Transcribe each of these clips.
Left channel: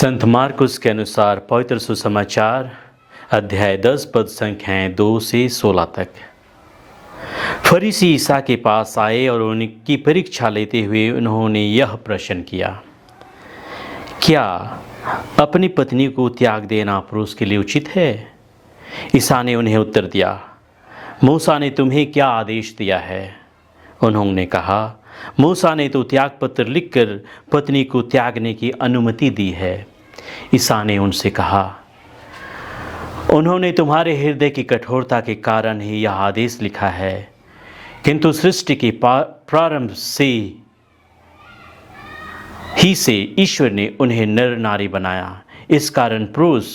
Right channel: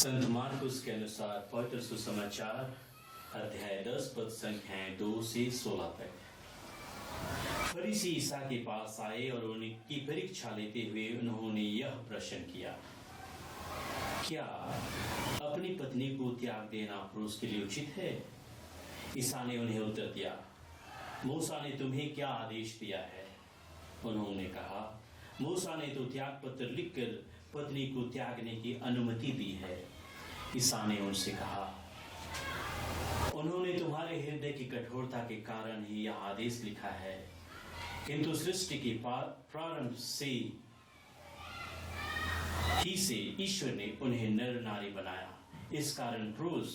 संत मार्कुस के अनुसार पवित्र सुसमाचार अध्याय 10 पद संख्याएं 2 से 16 तक। फरीसी ईसा के पास आए और उनकी परीक्षा लेते हुए उन्होंने यह प्रश्न किया, क्या अपनी पत्नी को त्याग देना पुरुष के लिए उचित है? ईसा ने उन्हें उत्तर दिया, मूसा ने तुम्हें क्या आदेश दिया है? उन्होंने कहा, मूसा ने तो त्याग पत्र लिखकर पत्नी को त्यागने की अनुमति दी है। ईसा ने उनसे कहा, उन्होंने तुम्हारे हृदय की कठोरता के कारण ही यह आदेश लिखा है, किंतु सृष्टि के प्रारंभ से ईश्वर ने उन्हें नर नारी बनाया। इस कारण पुरुष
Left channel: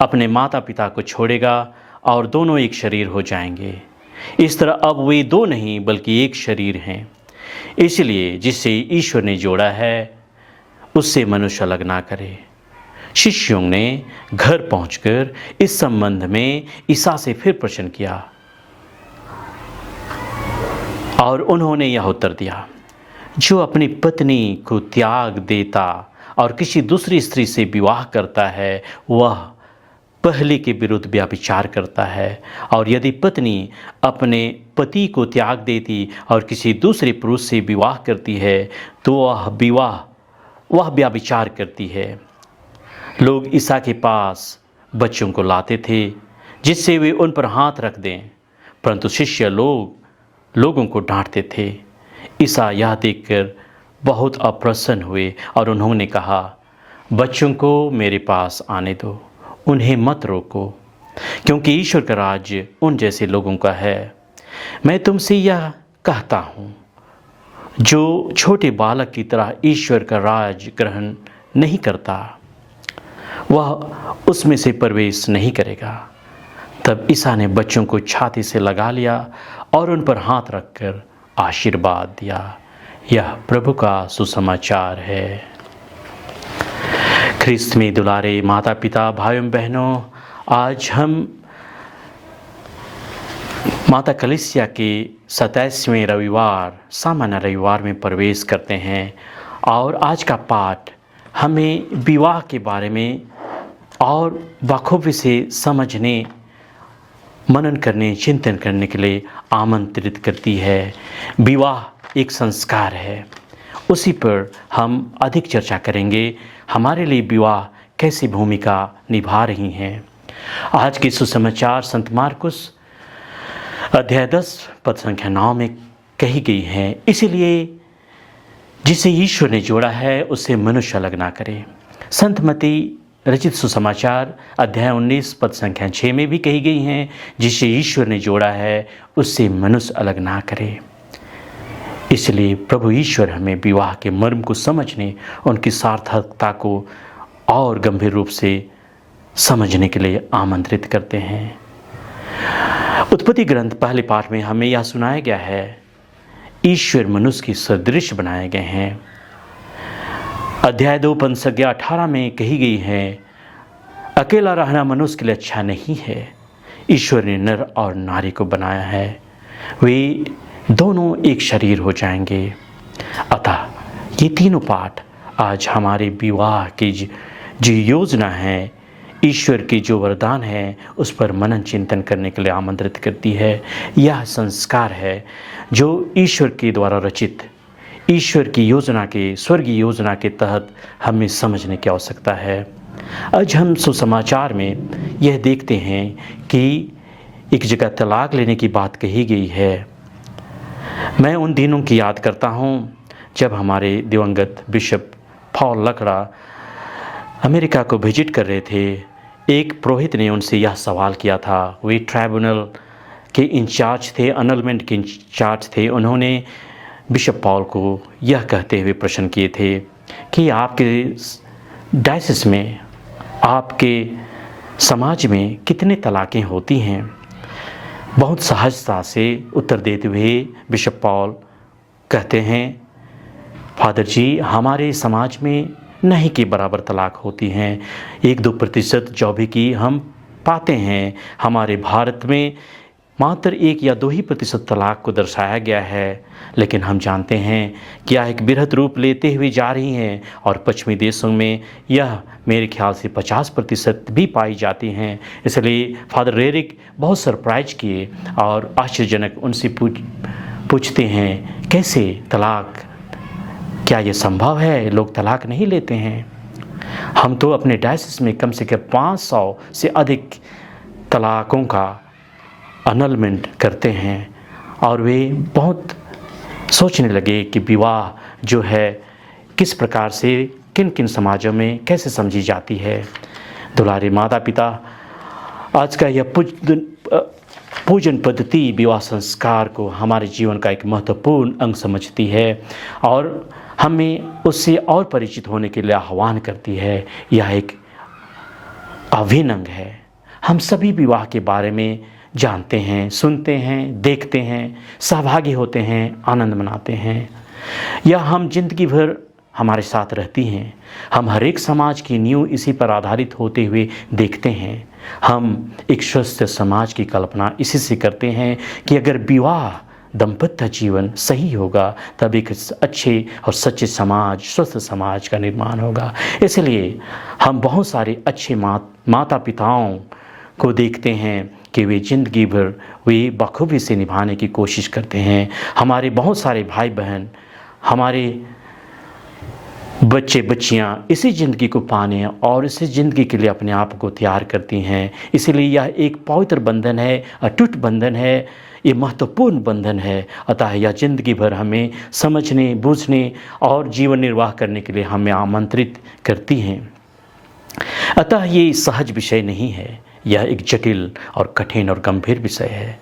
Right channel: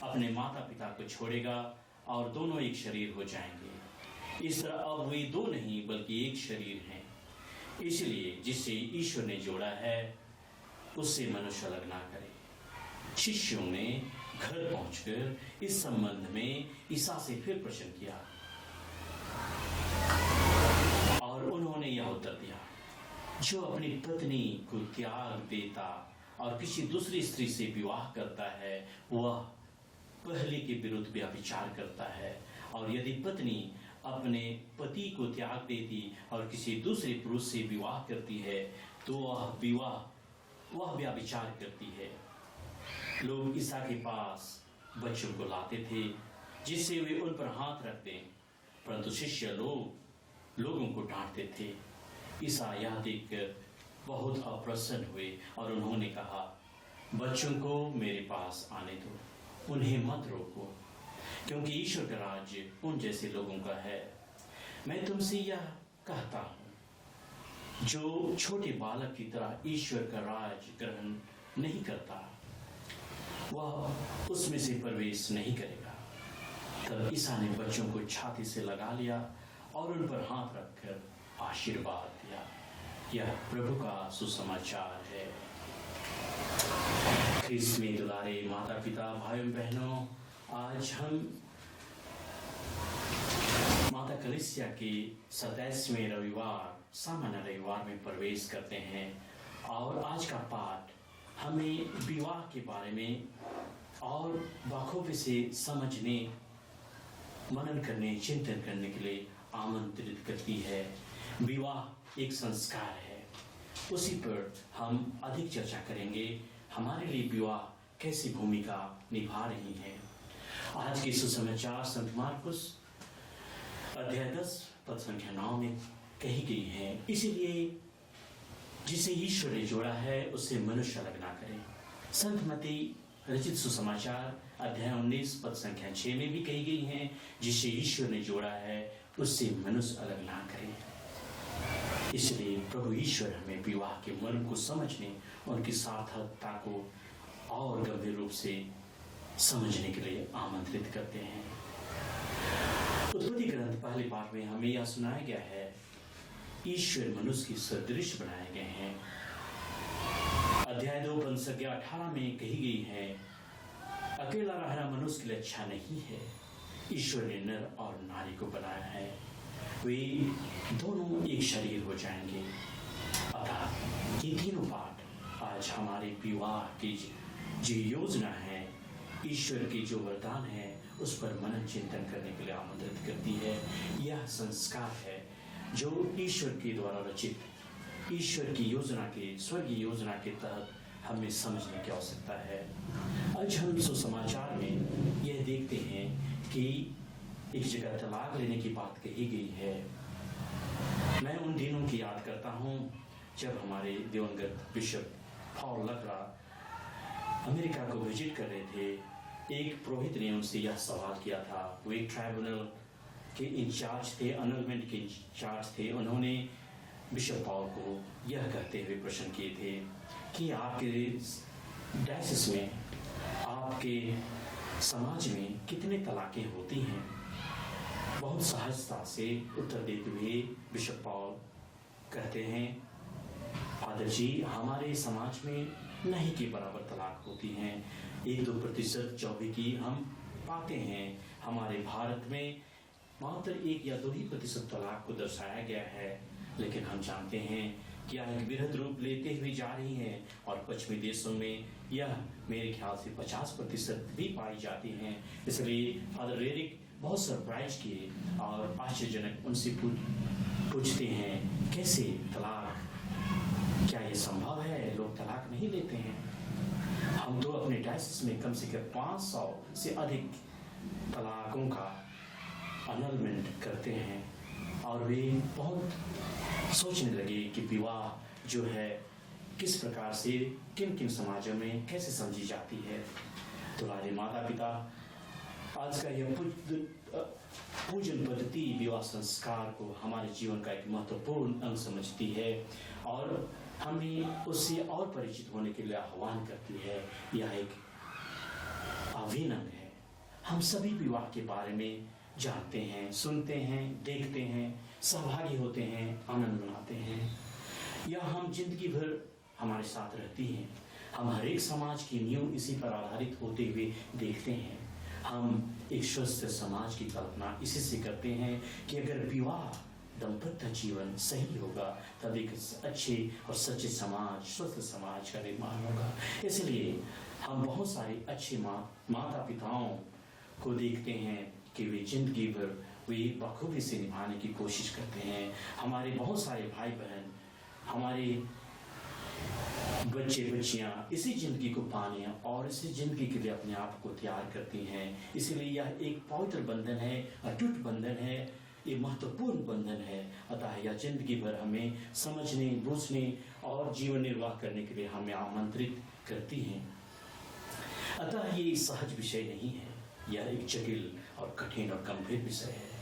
अपने माता पिता को छोड़ेगा और दोनों एक शरीर हो जाएंगे। इस तरह अब वे दो नहीं बल्कि एक शरीर हैं। इसलिए जिसे ईश्वर ने जोड़ा है उससे मनुष्य अलग ना करे। शिष्यों ने घर पहुंचकर इस संबंध में ईसा से फिर प्रश्न किया और उन्होंने यह उत्तर दिया, जो अपनी पत्नी को त्याग देता और किसी दूसरी स्त्री से विवाह करता है वह पहले के विरुद्ध व्यभिचार करता है, और यदि पत्नी अपने पति को त्याग देती और किसी दूसरे पुरुष से विवाह करती है तो वह व्यभिचार करती है। लोग ईसा के पास बच्चों को लाते थे जिससे वे उन पर हाथ रख दें, परंतु शिष्य लोगों को डांटते थे। ईसा यह देखकर बहुत अप्रसन्न हुए और उन्होंने कहा, बच्चों को मेरे पास आने दो, उन्हें मत रोको, क्योंकि ईश्वर का राज्य उन जैसे लोगों का है। मैं तुमसे यह कहता हूँ, जो छोटे बालक की तरह ईश्वर का राज ग्रहण नहीं करता वह उसमें से प्रवेश नहीं करेगा। तब ईसा ने बच्चों को छाती से लगा लिया और उन पर हाथ रखकर आशीर्वाद दिया। यह प्रभु का सुसमाचार है। ख्रिस्त में दुलारे माता पिता भाइयों बहनों, आज हम माता कलीसिया के 27वें रविवार सामान्य रविवार में प्रवेश करते हैं और आज का पाठ हमें विवाह के बारे में और बखूबी से समझने, मनन करने, चिंतन करने के लिए आमंत्रित करती है। विवाह एक संस्कार है, उसी पर हम अधिक चर्चा करेंगे। हमारे लिए विवाह कैसी भूमिका निभा रही हैं। आज के सुसमाचार संत मार्कुस अध्याय 10 पद संख्या 9 में कही गई है, इसीलिए जिसे ईश्वर ने जोड़ा है उससे मनुष्य अलग ना करे। संत मती रचित सुसमाचार अध्याय 19 पद संख्या 6 में भी कही गई हैं, जिसे ईश्वर ने जोड़ा है उससे मनुष्य अलग ना करे। इसलिए प्रभु ईश्वर हमें विवाह के मर्म को समझने, उनकी सार्थकता को और गंभीर रूप से समझने के लिए आमंत्रित करते हैं। उत्पत्ति ग्रंथ पहले पाठ में हमें यह सुनाया गया है, ईश्वर मनुष्य की सदृश बनाए गए हैं। अध्याय 2 पद संख्या 18 में कही गई है, अकेला रहना मनुष्य के लिए अच्छा नहीं है, ईश्वर ने नर और नारी को बनाया है, वे दोनों एक शरीर हो जाएंगे। अतः ये तीनों पाठ आज हमारे विवाह की जो योजना है, ईश्वर की जो वरदान है, उस पर मनन चिंतन करने के लिए आमंत्रित करती है। यह संस्कार है जो ईश्वर के द्वारा रचित, ईश्वर की योजना के, स्वर्गीय योजना के तहत हमें समझने की आवश्यकता है। आज हम सुसमाचार में यह देखते हैं कि एक जगह तलाक लेने की बात कही गई है। मैं उन दिनों की याद करता हूँ जब हमारे दिवंगत बिशप पॉल लकड़ा अमेरिका को विजिट कर रहे थे। एक पुरोहित ने उनसे यह सवाल किया था, वे ट्राइब्यूनल के इंचार्ज थे, अनलमेंट के इंचार्ज थे। उन्होंने बिशप पॉल को यह कहते हुए प्रश्न किए थे कि आपके डायसिस में, आपके समाज में कितने तलाक़ें होती हैं? बहुत सहजता से उत्तर देते हुए बिशप पॉल कहते हैं, फादर जी, हमारे समाज में नहीं के बराबर तलाक होती हैं, 1-2% जो भी की हम पाते हैं। हमारे भारत में मात्र 1 या 2 ही प्रतिशत तलाक को दर्शाया गया है, लेकिन हम जानते हैं कि यह एक बृहद रूप लेते हुए जा रही हैं और पश्चिमी देशों में यह मेरे ख्याल से 50% भी पाई जाती हैं। इसलिए फादर रेरिक बहुत सरप्राइज किए और आश्चर्यजनक उनसे पूछते हैं, कैसे तलाक, क्या ये संभव है? लोग तलाक नहीं लेते हैं। हम तो अपने डायसिस में कम से कम 500 से अधिक तलाकों का अनलमेंट करते हैं और वे बहुत सोचने लगे कि विवाह जो है किस प्रकार से किन किन समाजों में कैसे समझी जाती है। दुलारे माता पिता, आज का यह पूजन पद्धति विवाह संस्कार को हमारे जीवन का एक महत्वपूर्ण अंग समझती है और हमें उससे और परिचित होने के लिए आह्वान करती है। यह एक अभिन्न अंग है। हम सभी विवाह के बारे में जानते हैं, सुनते हैं, देखते हैं, सहभागी होते हैं, आनंद मनाते हैं। यह हम जिंदगी भर हमारे साथ रहती हैं। हम हर एक समाज की नींव इसी पर आधारित होते हुए देखते हैं। हम एक स्वस्थ समाज की कल्पना इसी से करते हैं कि अगर विवाह दाम्पत्य जीवन सही होगा तब एक अच्छे और सच्चे समाज, स्वस्थ समाज का निर्माण होगा। इसलिए हम बहुत सारे अच्छे माता पिताओं को देखते हैं कि वे जिंदगी भर वे बखूबी से निभाने की कोशिश करते हैं। हमारे बहुत सारे भाई बहन, हमारे बच्चे बच्चियां इसी ज़िंदगी को पाने और इसी ज़िंदगी के लिए अपने आप को तैयार करती हैं। इसलिए यह एक पवित्र बंधन है, अटूट बंधन है, ये महत्वपूर्ण बंधन है। अतः यह ज़िंदगी भर हमें समझने, बूझने और जीवन निर्वाह करने के लिए हमें आमंत्रित करती हैं। अतः ये सहज विषय नहीं है, यह एक जटिल और कठिन और गंभीर विषय है।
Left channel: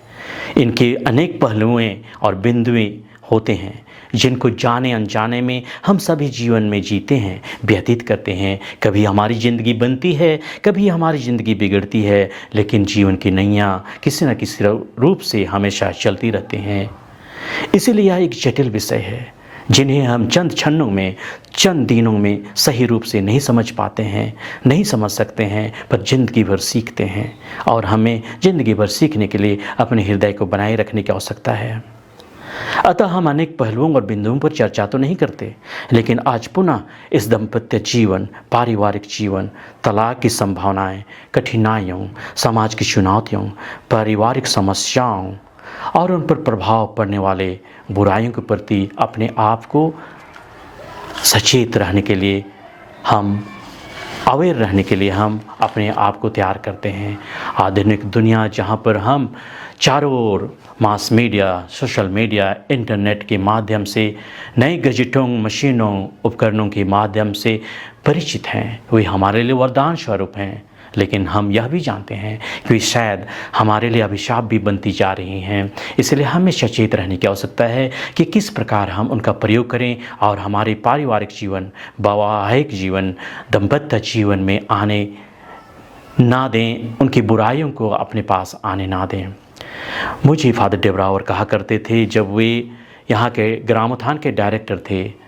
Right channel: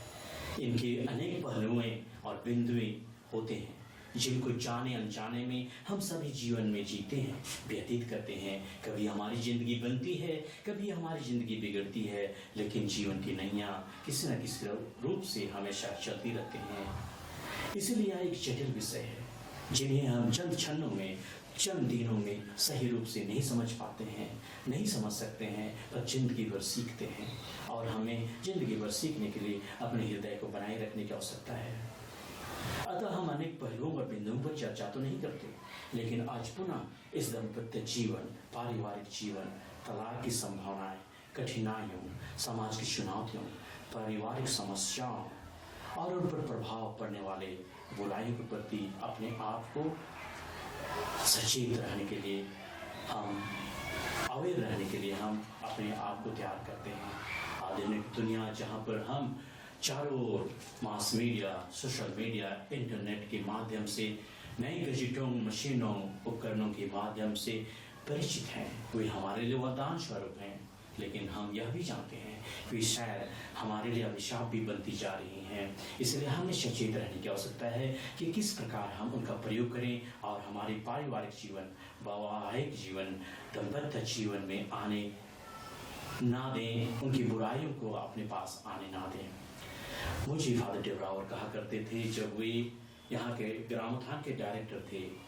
इनके अनेक पहलुएं और बिंदुएं होते हैं जिनको जाने अनजाने में हम सभी जीवन में जीते हैं, व्यतीत करते हैं। कभी हमारी ज़िंदगी बनती है, कभी हमारी ज़िंदगी बिगड़ती है, लेकिन जीवन की नैया किसी न किसी रूप से हमेशा चलती रहती हैं। इसीलिए यह एक जटिल विषय है जिन्हें हम चंद क्षणों में, चंद दिनों में सही रूप से नहीं समझ पाते हैं, नहीं समझ सकते हैं, पर ज़िंदगी भर सीखते हैं और हमें ज़िंदगी भर सीखने के लिए अपने हृदय को बनाए रखने की आवश्यकता है। अतः हम अनेक पहलुओं और बिंदुओं पर चर्चा तो नहीं करते, लेकिन आज पुनः इस दाम्पत्य जीवन, पारिवारिक जीवन, तलाक की संभावनाएं, कठिनाइयों, समाज की चुनौतियों, पारिवारिक समस्याओं और उन पर प्रभाव पड़ने वाले बुराइयों के प्रति अपने आप को सचेत रहने के लिए, हम अवेयर रहने के लिए हम अपने आप को तैयार करते हैं। आधुनिक दुनिया जहाँ पर हम चारों ओर mass media, social media, internet के माध्यम से, नए गैजेटों, मशीनों, उपकरणों के माध्यम से परिचित हैं, वे हमारे लिए वरदान स्वरूप हैं। लेकिन हम यह भी जानते हैं कि शायद हमारे लिए अभिशाप भी बनती जा रही हैं। इसलिए हमें सचेत रहने की आवश्यकता है कि किस प्रकार हम उनका प्रयोग करें और हमारे पारिवारिक जीवन, वैवाहिक जीवन, दाम्पत्य जीवन में आने ना दें, उनकी बुराइयों को अपने पास आने ना दें। मुझे फादर डेब्रावर कहा करते थे, जब वे यहाँ के ग्रामोत्थान के डायरेक्टर थे,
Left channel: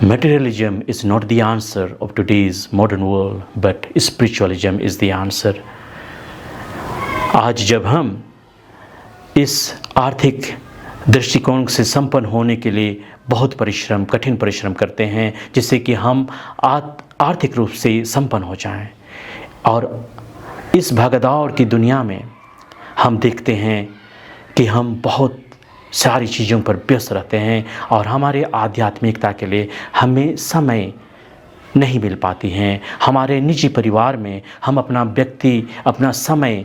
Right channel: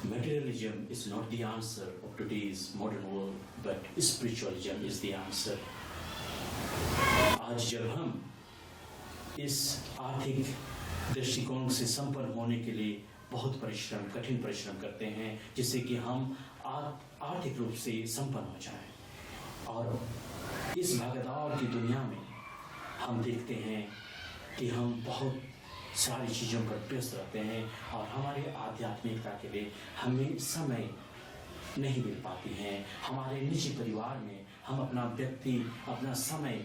Materialism is not the answer of today's modern world, but spiritualism is the answer. आज जब हम इस आर्थिक दृष्टिकोण से संपन्न होने के लिए बहुत परिश्रम, कठिन परिश्रम करते हैं जिससे कि हम आर्थिक रूप से संपन्न हो जाएं, और इस भागदौड़ की दुनिया में हम देखते हैं कि हम बहुत सारी चीज़ों पर व्यस्त रहते हैं और हमारे आध्यात्मिकता के लिए हमें समय नहीं मिल पाती हैं। हमारे निजी परिवार में हम अपना समय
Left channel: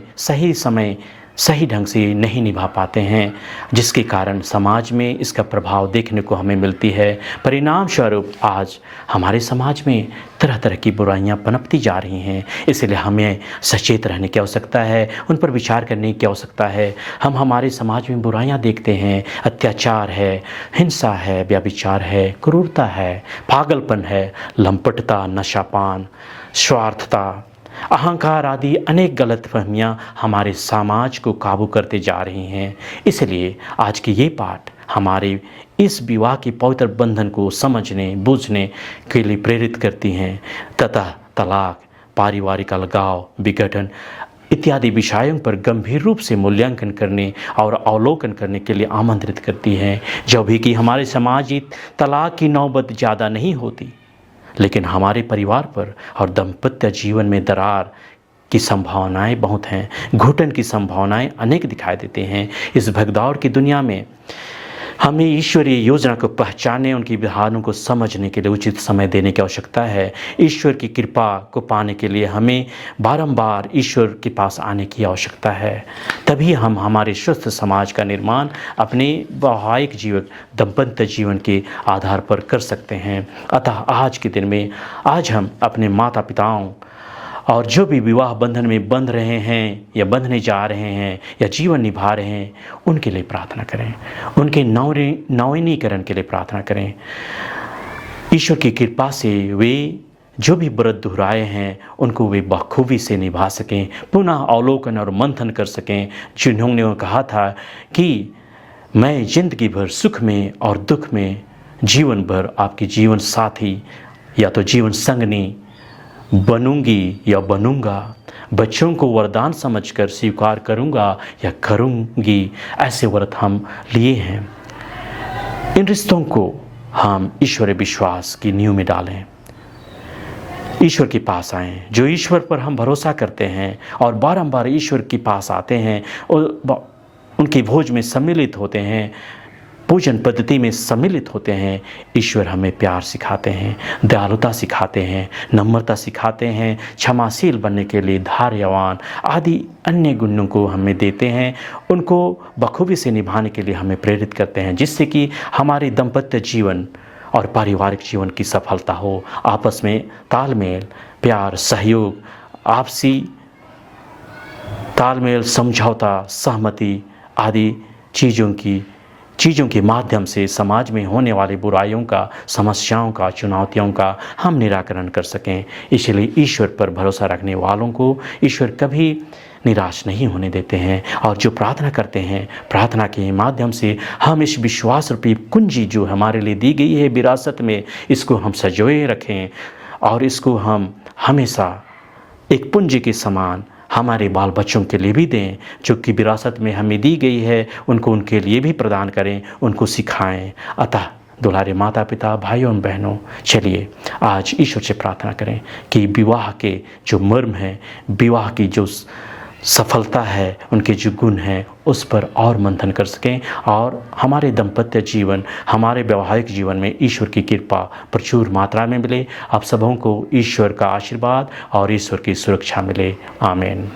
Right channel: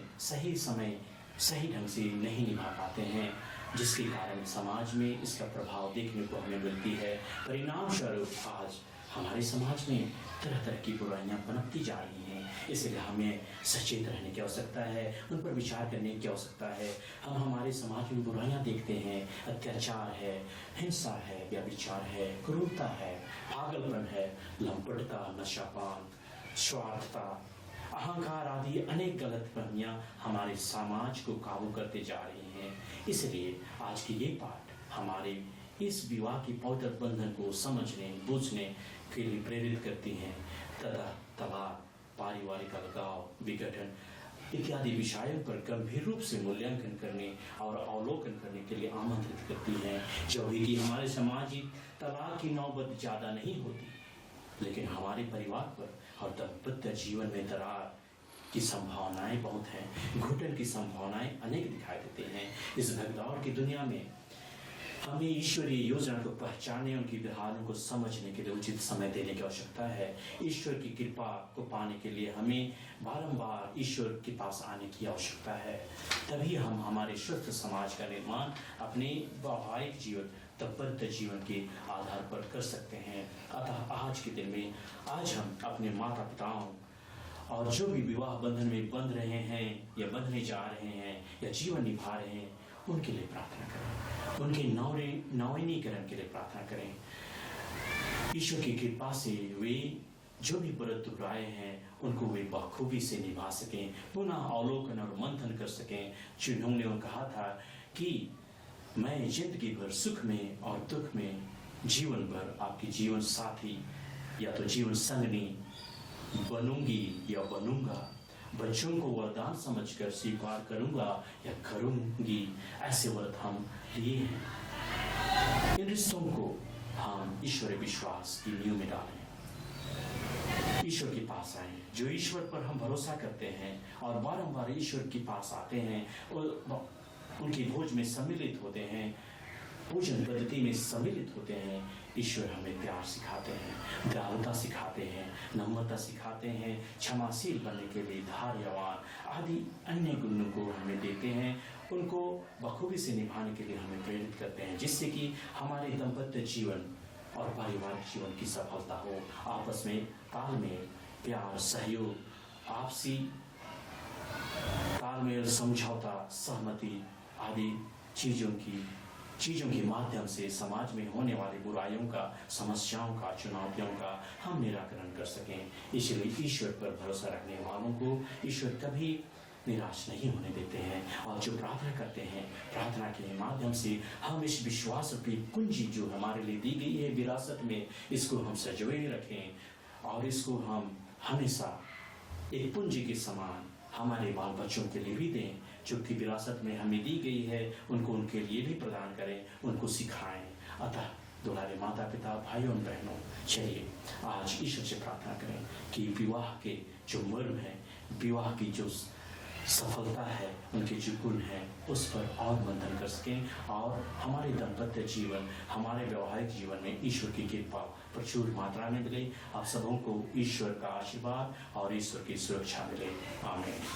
सही ढंग से नहीं निभा पाते हैं, जिसके कारण समाज में इसका प्रभाव देखने को हमें मिलती है। परिणाम स्वरूप आज हमारे समाज में तरह तरह की बुराइयां पनपती जा रही हैं। इसलिए हमें सचेत रहने की आवश्यकता है, उन पर विचार करने की आवश्यकता है। हम हमारे समाज में बुराइयां देखते हैं, अत्याचार है, हिंसा है, व्यभिचार है, क्रूरता है, पागलपन है, लंपटता, नशापान, स्वार्थता, अहंकार आदि अनेक गलतफहमियां हमारे समाज को काबू करते जा रही हैं। इसलिए आज के ये पाठ हमारे इस विवाह के पवित्र बंधन को समझने, बूझने के लिए प्रेरित करती हैं तथा तलाक, पारिवारिक अलगाव, विघटन इत्यादि विषयों पर गंभीर रूप से मूल्यांकन करने और अवलोकन करने के लिए आमंत्रित करती है। जो भी कि हमारे सामाजिक तलाक की नौबत ज़्यादा नहीं होती, लेकिन हमारे परिवार पर और दाम्पत्य जीवन में दरार की संभावनाएं बहुत हैं, घुटन की संभावनाएं अनेक दिखाई देते हैं। इस भगदौड़ की दुनिया में हमें ईश्वरीय योजना को पहचानने, उनकी विधानों को समझने के लिए उचित समय देने की आवश्यकता है। ईश्वर की कृपा को पाने के लिए हमें बारंबार ईश्वर के पास आने की आवश्यकता है। तभी हम हमारे स्वस्थ समाज का निर्माण अपने वैवाहिक जीवन, दाम्पत्य जीवन के आधार पर कर सकते हैं। अतः आज के दिन में आज हम अपने माता पिताओं और जो भी विवाह बंधन में बंध रहे हैं या बंधने जा रहे हैं या जीवन निभा रहे हैं, उनके लिए प्रार्थना करें, उनके नवीनीकरण के लिए प्रार्थना करें। ईश्वर की कृपा से वे जो भी व्रत दोहराए हैं उनको वे बखूबी से निभा सकें, पुनः अवलोकन और मंथन कर सकें। जिन्होंने कहा था कि मैं जिंदगी भर सुख में और दुख में जीवन भर आपकी जीवन साथी या तो जीवन संगनी बनूंगी या बनूंगा, बच्चों को वरदान समझकर स्वीकार करूंगा या करूंगी, ऐसे व्रत हम लिए हैं। इन रिश्तों को हम ईश्वर विश्वास की नींव में डालें, ईश्वर के पास आएं। जो ईश्वर पर हम भरोसा करते हैं और बारंबार ईश्वर के पास आते हैं और उनके भोज में सम्मिलित होते हैं, पूजन पद्धति में सम्मिलित होते हैं, ईश्वर हमें प्यार सिखाते हैं, दयालुता सिखाते हैं, नम्रता सिखाते हैं, क्षमाशील बनने के लिए धैर्यवान आदि अन्य गुणों को हमें देते हैं। उनको बखूबी से निभाने के लिए हमें प्रेरित करते हैं, जिससे कि हमारे दाम्पत्य जीवन और पारिवारिक जीवन की सफलता हो। आपस में तालमेल, प्यार, सहयोग, आपसी तालमेल, समझौता, सहमति आदि चीज़ों के माध्यम से समाज में होने वाली बुराइयों का, समस्याओं का, चुनौतियों का हम निराकरण कर सकें। इसलिए ईश्वर पर भरोसा रखने वालों को ईश्वर कभी निराश नहीं होने देते हैं। और जो प्रार्थना करते हैं, प्रार्थना के माध्यम से हम इस विश्वास रूपी कुंजी जो हमारे लिए दी गई है विरासत में, इसको हम संजोए रखें और इसको हम हमेशा एक पूंजी के समान हमारे बाल बच्चों के लिए भी दें। जो कि विरासत में हमें दी गई है उनको उनके लिए भी प्रदान करें, उनको सिखाएं। अतः दुलारे माता पिता, भाइयों और बहनों, चलिए आज ईश्वर से प्रार्थना करें कि विवाह के जो मर्म है, विवाह की जो सफलता है, उनके जो गुण हैं उस पर और मंथन कर सकें और हमारे दाम्पत्य जीवन, हमारे वैवाहिक जीवन में ईश्वर की कृपा प्रचुर मात्रा में मिले। आप सबों को ईश्वर का आशीर्वाद और ईश्वर की सुरक्षा मिले। आमीन।